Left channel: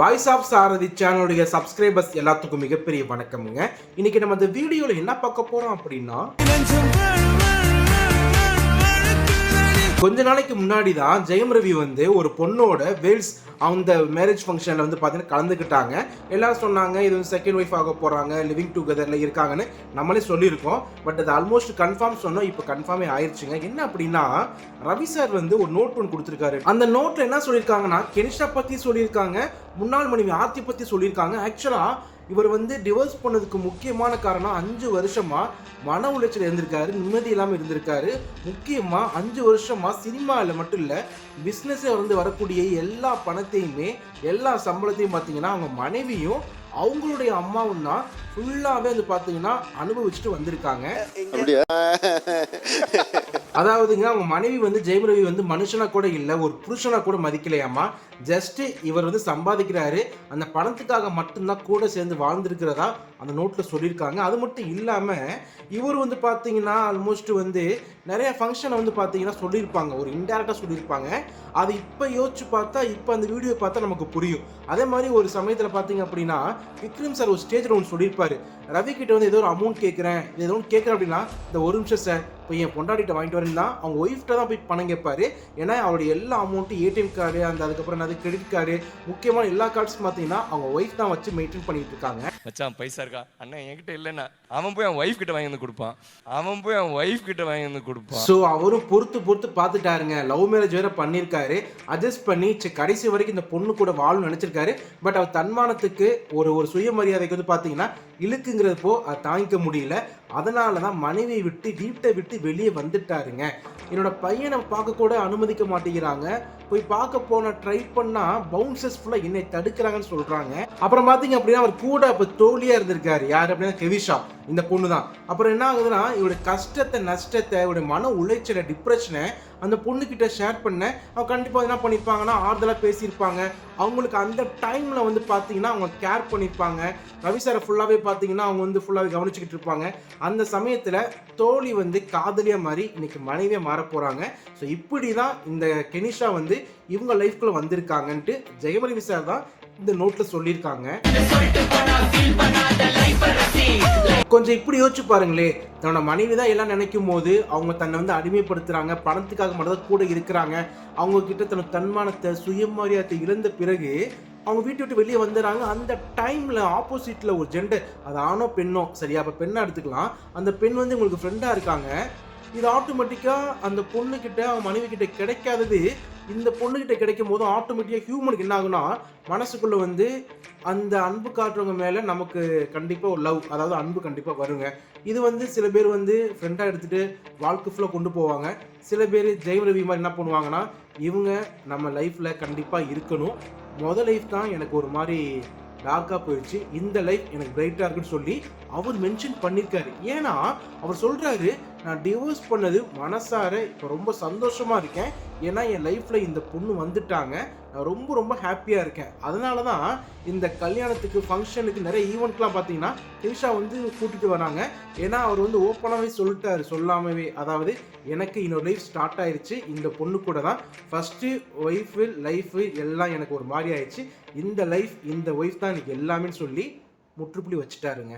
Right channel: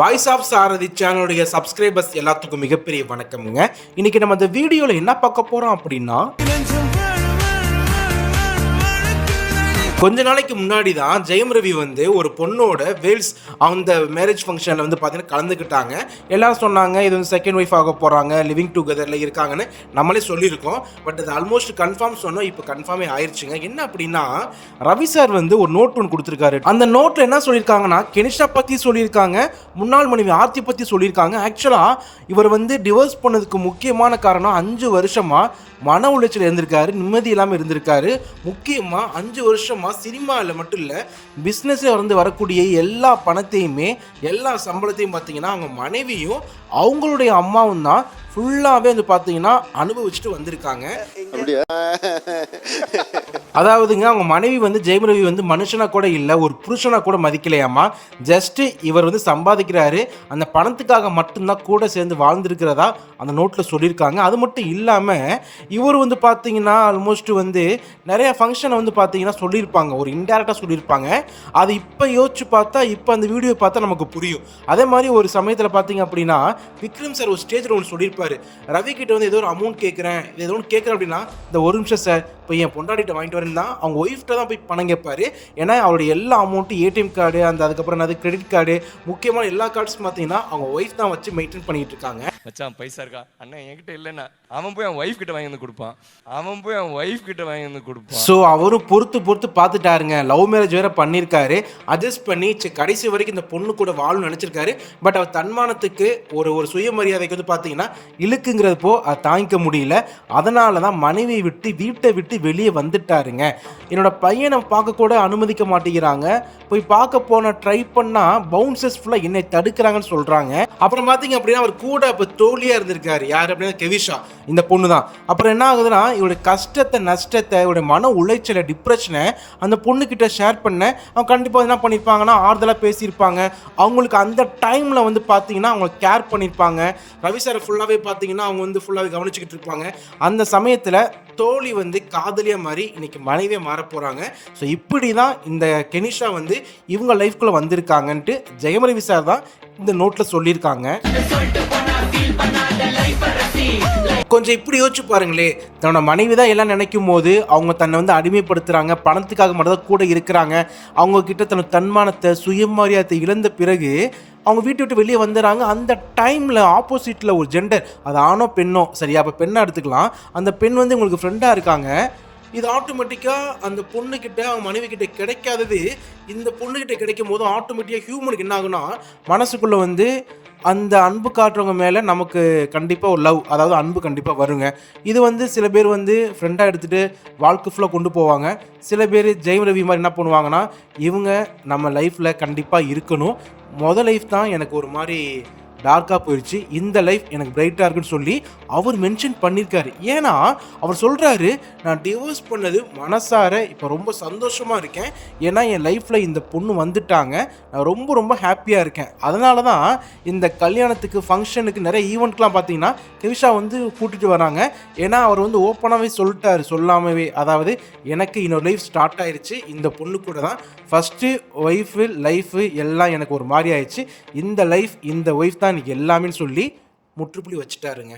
Voice of சாரதி சேனலுடைய subscribers எல்லாத்துக்கும் மிகப்பெரிய வணக்கமுங்க. இன்னைக்கு நம்ம இந்த வீடியோவில் என்ன பார்க்க போகிறோம் அப்படின்னா கொஞ்ச நாளைக்கு முன்னாடி தான் ஜெயம் ரவி வந்து ஒரு பொண்ணோட வேல்ஸ் அந்த மேரேஜ் ஃபங்க்ஷனில் வந்து பார்த்தீங்கன்னா கலந்துக்கிட்டாங்க. எல்லாரும் சொன்னாங்க இது வந்து செகண்ட் ஒய்ஃப் ஆக போகிறாங்க லிவிங் டுகெதரில் இருக்காங்கன்னு நம்மளே சொல்லியிருக்கோம். பட் அது ஆல்மோஸ்ட் கன்ஃபார்ம் சொன்னோம் இப்போ கன்ஃபார்மே ஆயிடுச்சுங்க என்ன அப்படின்னா ரவி சார் வந்து ஒரு நோட் ஒன்று கொடுத்துருக்காரு. அந்த நோட்டில் என்ன சொல்லியிருக்காங்கன்னா கெனிஷா பற்றி சொல்லியிருக்காங்க முன்னாள் மனைவி ஆர்த்தி பற்றி சொல்லியிருக்காங்க. ஆக்சுவலாக இவர் வந்து டிவோர்ஸ் பண்ணதுக்கு முக்கியமான காரணம் அஞ்சு வருஷமாக மன உளைச்சல் இருந்திருக்காரு நிம்மதி இல்லாமல் இருந்திருக்காரு. முக்கியமாக அஞ்சு வருஷமாக சினிமாவில் மட்டும் இல்லை பிஸ்னஸில் வந்து வரக்கூடிய எல்லா பணத்தையுமே எல்லா சம்பளத்தையும் பார்த்தீங்கன்னா அவங்க மனைவியும் அவங்களுடைய அம்மாவும் தான் ஃபுல்லாகவே வந்து பார்த்தீங்கன்னா அனுபவிச்சுட்டு வந்திருக்காங்க. அதாவதுங்க அவங்க மனைவி வந்து ஜெயம் ரவி வந்து மனுஷனா கூட இல்லை ஒரு புருஷனா கூட மதிக்கலையாமா? ஜஸ்ட் இவர் வந்து சம்பாதிக்கிறாரு அந்த பணத்துக்காக மட்டும்தான் கூட சேர்ந்து வாழ்ந்திருக்கிறதா அந்த நோட்டில் சொல்லியிருக்காங்க. அது மட்டும் இல்லாமல் இவர் வந்து பார்த்தீங்கன்னா ஆல்மோஸ்ட் வந்து நிறைய ஃபங்க்ஷனை வந்து பார்த்தீங்கன்னா சொல்லியிருப்பாங்க ஒரு இன்டெரக்டாக சொல்லியிருப்பாங்க. அது இப்போ யோசிச்சு பார்த்தா இப்போ அந்த வீடியோ பார்த்தா நமக்கு புரியும். அதே மாதிரி ஒரு சமயத்தில் பார்த்தீங்க அப்படின்னா விக்ரம் சார் ஒரு ஸ்டேஜில் ஒன்று சொல்லியிருப்பார். ரவி கிட்ட வந்து ஏதோ ஒரு அமௌண்ட் கேட்குறேன் ஏதோ ஒன்று கேட்குறேன் அப்படின்னா இந்த ஒரு நிமிஷம் சார் இப்போ என் பொண்டாட்டிட்ட வாங்கிட்டு வரேன் தான் அவங்க ஒய்ஃப்ட்ட தான் போய் பணம் கேட்பாரு. ஏன்னா அவருடைய எல்லா அமௌண்ட்டும் ஏடிஎம் கார்டு அந்த அதுக்கப்புறம் என்னது கிரெடிட் கார்டு முக்கியமான எல்லா கார்ட்ஸும் பார்த்தீங்கன்னா அவங்க ஒய்ஃப் தான் வச்சு மெயின்டைன் பண்ணிகிட்டு இருக்காங்க. மச்சான் பைசா இருக்கா? அண்ணன் என்கிட்ட இல்லைண்ணா. அவன் போய் அவன் ஒய்ஃப் கிட்ட வாங்கி வந்து கொடுப்பான். அவன் போய் அவன் ஒய்ஃப் கிட்ட வாங்கி வந்து கொடுப்பான். ஸோ அவரும் பொறுத்து பொறுத்து பார்த்துட்டாருங்க. லவ் மேரேஜ் வேற பண்ணியிருக்காரு. அட்ஜஸ்ட் பண்ணி கடைசி வரைக்கும் இந்த பொண்ணு கூட வாழணும்னு நினச்சிருக்காரு. பட் அவர் தன்மானத்துக்கு ஒரு ஒரு சுயமரியாதைக்கு வந்து பார்த்தீங்கன்னா இழுக்குங்கிறப்போ அதை தாங்கிக்க முடியல. அதனால தான் மனைவியை விட்டு வீட்டை விட்டு வெளியே வந்துட்டாருங்க. என்னோட பையனை பார்க்க கூட அனுமதிக்க மாட்டேங்கிறாங்க. போய் பார்க்க போன ட்ரை பண்ணால் பவுன்சஸ் ஃபுல்லாக என்னை தடுக்கிறாங்கன்னு சொல்கிறாங்க அப்புறம் பார்த்தீங்க அப்படின்னா அவர் கூட இப்போ தோழியாக இருந்திருக்காரு. யார் அப்படின்னா கெவிஷா. இந்த பொண்ணு தான் அப்புறம் என்ன ஆகுதுன்னா இவருடைய கஷ்டத்தை நஷ்டத்தை இவருடைய மன உளைச்சலை டிப்ரெஷனை அந்த பொண்ணுக்கிட்ட ஷேர் பண்ண அவங்க கண்டிப்பாக என்ன பண்ணியிருப்பாங்கன்னா ஆறுதலாக பேசியிருப்பாங்க. அவங்களுக்கு அந்த டைமில் வந்து பார்த்தீங்கன்னா அவங்க கேர் பண்ணியிருப்பாங்க ரவி சாரை ஃபுல்லாகவே பார்த்தீங்கன்னா அவங்க வந்து ஃபுல்லாகவே கவனிச்சுக்கிட்டு இருப்பாங்க. அந்த சமயத்தில் தோழி வந்து காதலியாக மாதிரி இன்னைக்கு மனைவியாக மாற போகிறாங்க ஸோ இப்படி தான் இந்த கெனிஷா வந்து இவங்க லைஃப்குள்ளே வந்திருக்காங்கன்ட்டு ஜெயமரவி சார் தான் இந்த நோட்டில் சொல்லியிருக்காங்க. கொஞ்சம் இப்படி யோசிச்சு பாருங்களே. தன்னோட மனைவி தான் எல்லாம் நினைக்கும் போது அவங்க தன்னை வந்து அடிமைப்படுத்துகிறாங்க பணத்துக்காக மட்டும் தான் கூட இருக்கிறாங்க. அவங்க கிட்ட தன்னோட தன்மானத்தை சுயமரியாதை இழந்த பிறகு அவங்க வீட்டை விட்டு வெளியே வந்துடுறாங்க. அந்த டைமில் ஆப்போசிட்டில் ஒரு ஜெண்டர் அது ஆணோ பெண்ணோ சரியா? அப்போ பெண்ணாக எடுத்துக்கலாம். அந்த பெண் வந்து உங்களுக்கு ஃப்ரெண்டாக இருக்காங்க. இது ஆட்டோமேட்டிக்காக அந்த பொண்ணுக்கிட்ட அவன் மனைவி கிட்ட கிடைக்காதது. இந்த பொண்ணுக்கிட்ட கிடைக்கும் போது ஆட்டோமேட்டிக்காக ஹியூமனுக்கு என்ன ஆகுனா மனசுக்குள்ளே வந்து அந்த அன்பு காட்டுறவங்க மேலே நமக்கு கண்டிப்பாக ஒரு லவ் அதாவது அன்பு கண்டிப்பாக வருங்க. இது வந்து சில பேர் வந்து ஃப்ரெண்டாக எடுத்துகிட்டு வாழ்க்கை ஃபுல்லாக கொண்டு போவாங்க. சில பேர் ஜெயம் ரவி மாதிரி என்ன பண்ணுவாங்கன்னா இவங்க நம்ம லைஃப்பில் கண்டிப்பாக இருக்கணும். மொதல் லைஃப் தான் எனக்கு ஒரு மாதிரி டார்க்காக போயிடுச்சு இந்த லைஃப் எனக்கு பிரைட்டாக இருக்குன்னு சொல்லி அவர் மென்ஷன் பண்ணியிருக்காரு ஏன்னா அவர் சொல்கிறாரு நான் டிவோர்ஸ் பண்ணது மனசார இப்போ ரொம்ப சந்தோஷமாக இருக்கேன். ஏன்னா என் லைஃப்பில் இந்த பொண்ணு வந்துட்டாங்க. நான் ரொம்ப ரொம்ப ஹாப்பியாக இருக்கேன். அதனால தான் இந்த கல்யாணத்துக்கு ஃபங்க்ஷனுக்கு நிறைய ஈவெண்ட்லாம் பார்த்தீங்கன்னா திவிஷா வந்து கூட்டிகிட்டு வராங்க. ஏன்னா அவர் வந்து ஓப்பனாகவே சொல்லிட்டாரு சொல்லாமவே. அதாவது எனக்கு இன்னொரு லைஃப் ஸ்டார்ட் ஆயிடுச்சு இந்த பொண்ணு கூட தான். ஃபஸ்ட்டு ஒய்ஃபு லைஃபு எல்லாம் எனக்கு ஒரு மாதிரி ஆயிடுச்சு. இந்த லைஃப் இந்த ஒய்ஃப் தான் தான் எல்லாமே சொல்லி முற்றுப்புள்ளி வச்சுட்டாருங்க.